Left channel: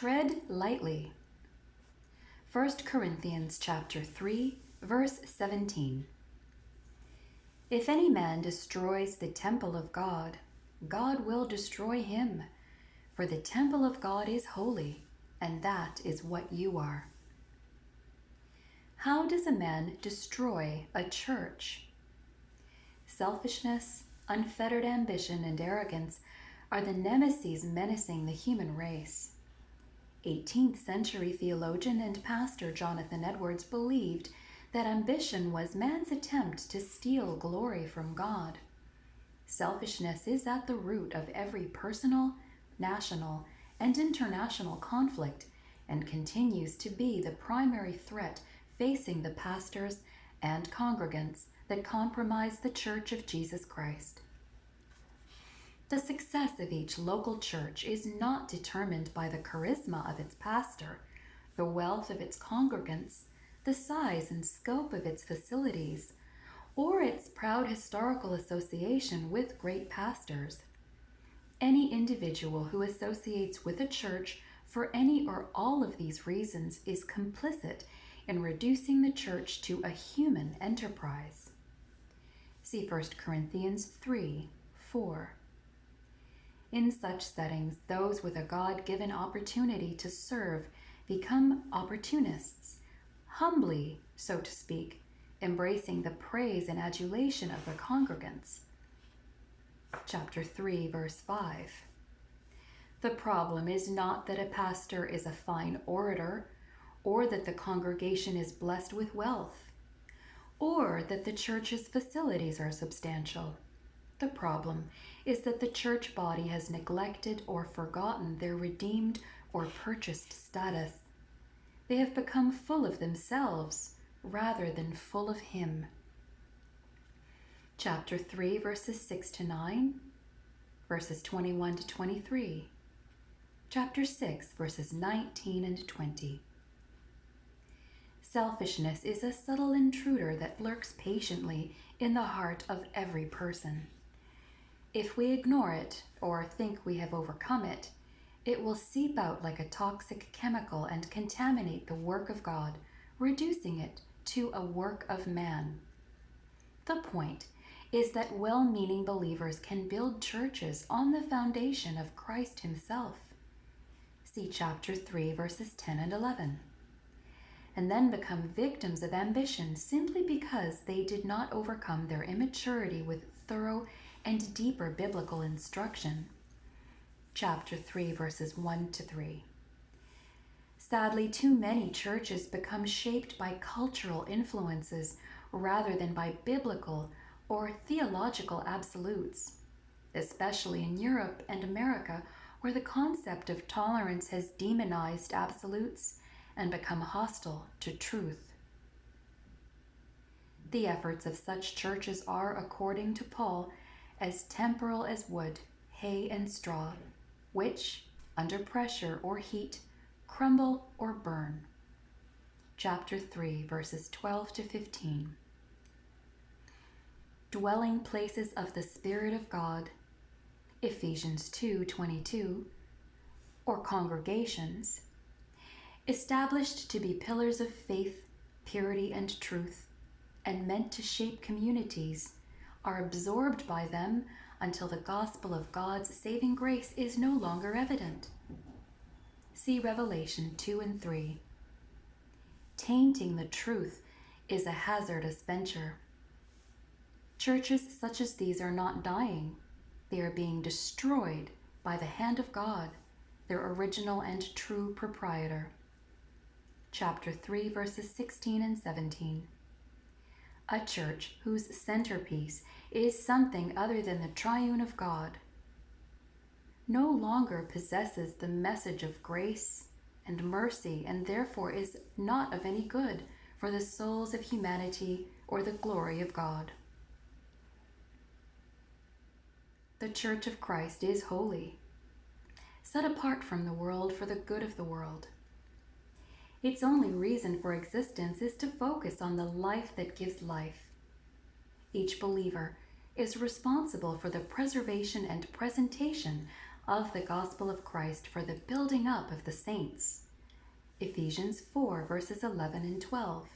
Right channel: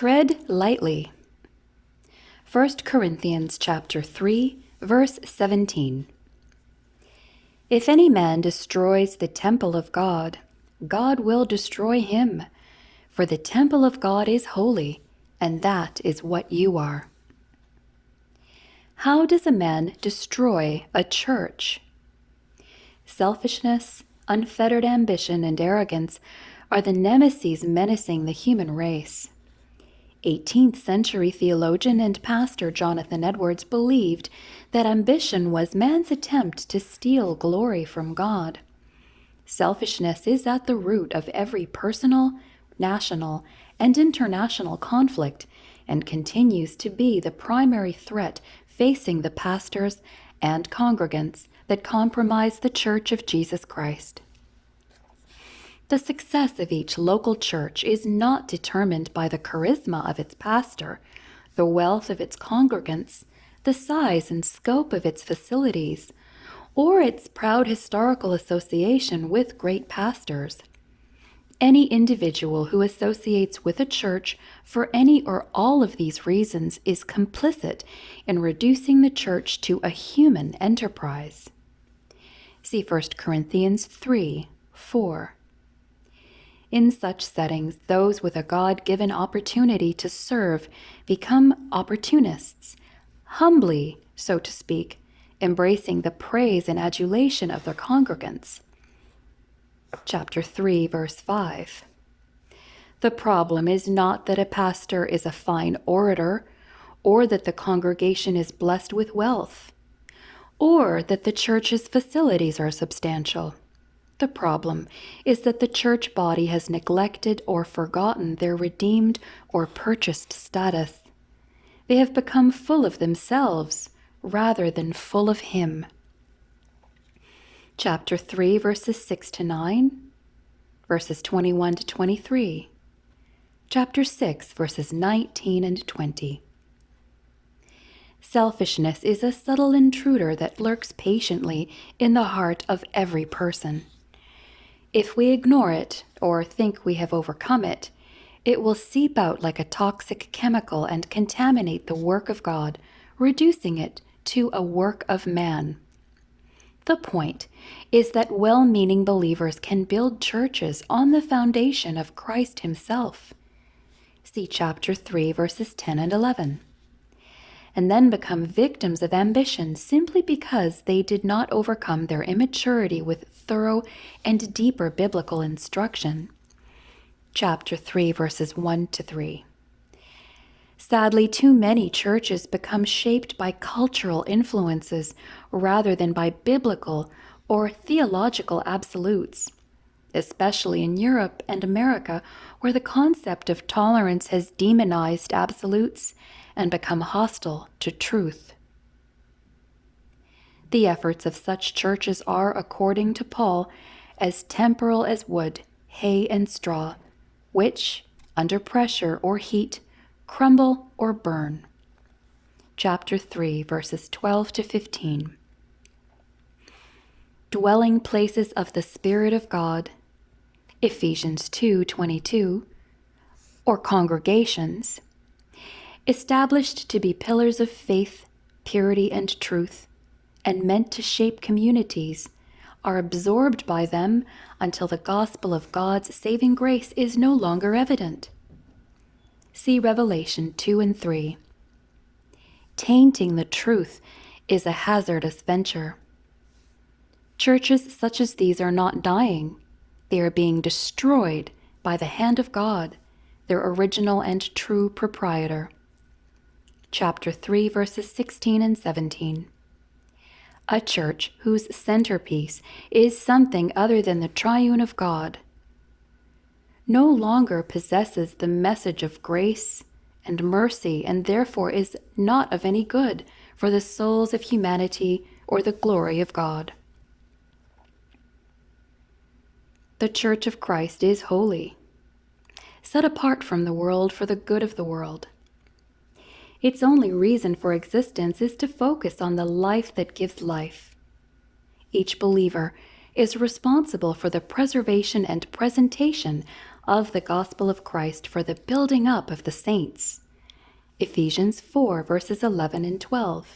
Tread lightly. 1 Corinthians chapter 3, verse 17. If any man destroys the temple of God, God will destroy him, for the temple of God is holy, and that is what you are. How does a man destroy a church? Selfishness, unfettered ambition, and arrogance are the nemeses menacing the human race. 18th century theologian and pastor Jonathan Edwards believed that ambition was man's attempt to steal glory from God. Selfishness is at the root of every personal, national, and international conflict and continues to be the primary threat facing the pastors and congregants that comprise the Church of Jesus Christ. The success of each local church is not determined by the charisma of its pastor, the wealth of its congregants, the size and scope of its facilities, or its proud historical association with great pastors. Any individual who associates with a church for any or all of these reasons is complicit in reducing the church to a human enterprise. See 1 Corinthians 3:4. In such settings, those with a God-given opportunity to serve become opportunists, humbly, so to speak, embracing the praise and adulation of their congregants. Chapter 3, verse 5. The problem is not that a pastor is a fine orator, or that the congregation is blessed with wealth, or that the church's facilities are substantial. The problem is that the church body has neglected or forgotten their redeemed or purchased status. They have become full of themselves rather than full of Him. Chapter 3, verses 6 to 9, verses 21 to 23. Chapter 6, verses 19 and 20. Selfishness is a subtle intruder that lurks patiently in the heart of every person. If we ignore it or think we have overcome it, it will seep out like a toxic chemical and contaminate the work of God, reducing it to a work of man. The point is that well-meaning believers can build churches on the foundation of Christ Himself. See chapter 3, verses 10 and 11. And then become victims of ambition simply because they did not overcome their immaturity with thorough and deeper biblical instruction. Chapter 3, verses 1 to 3. Sadly, too many churches become shaped by cultural influences rather than by biblical or theological absolutes, especially in Europe and America, where the concept of tolerance has demonized absolutes and become hostile to truth. The efforts of such churches are, according to Paul, as temporal as wood, hay, and straw, which, under pressure or heat, crumble or burn. Chapter 3, verses 12 to 15. Dwelling places of the Spirit of God, Ephesians 2:22, or congregations, established to be pillars of faith, purity, and truth, and meant to shape communities, are absorbed by them until the gospel of God's saving grace is no longer evident. See Revelation 2 and 3. Tainting the truth is a hazardous venture. Churches such as these are not dying. They are being destroyed by the hand of God, their original and true proprietor. Chapter 3, verses 16 and 17. A church whose centerpiece is something other than the triune of God no longer possesses the message of grace and mercy, and therefore is not of any good for the souls of humanity or the glory of God. The Church of Christ is holy, set apart from the world for the good of the world. Its only reason for existence is to focus on the life that gives life. Each believer is responsible for the preservation and presentation of the gospel of Christ for the building up of the saints. Ephesians 4, verses 11 and 12.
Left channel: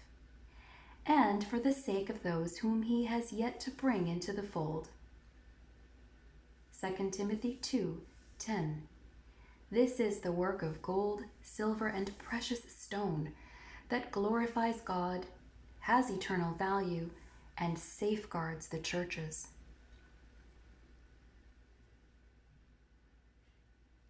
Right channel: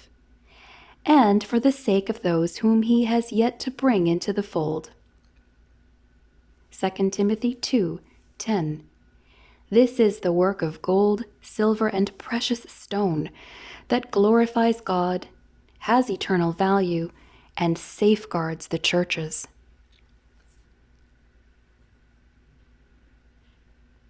And for the sake of those whom he has yet to bring into the fold. 2 Timothy 2:10. This is the work of gold, silver, and precious stone that glorifies God, has eternal value, and safeguards the churches.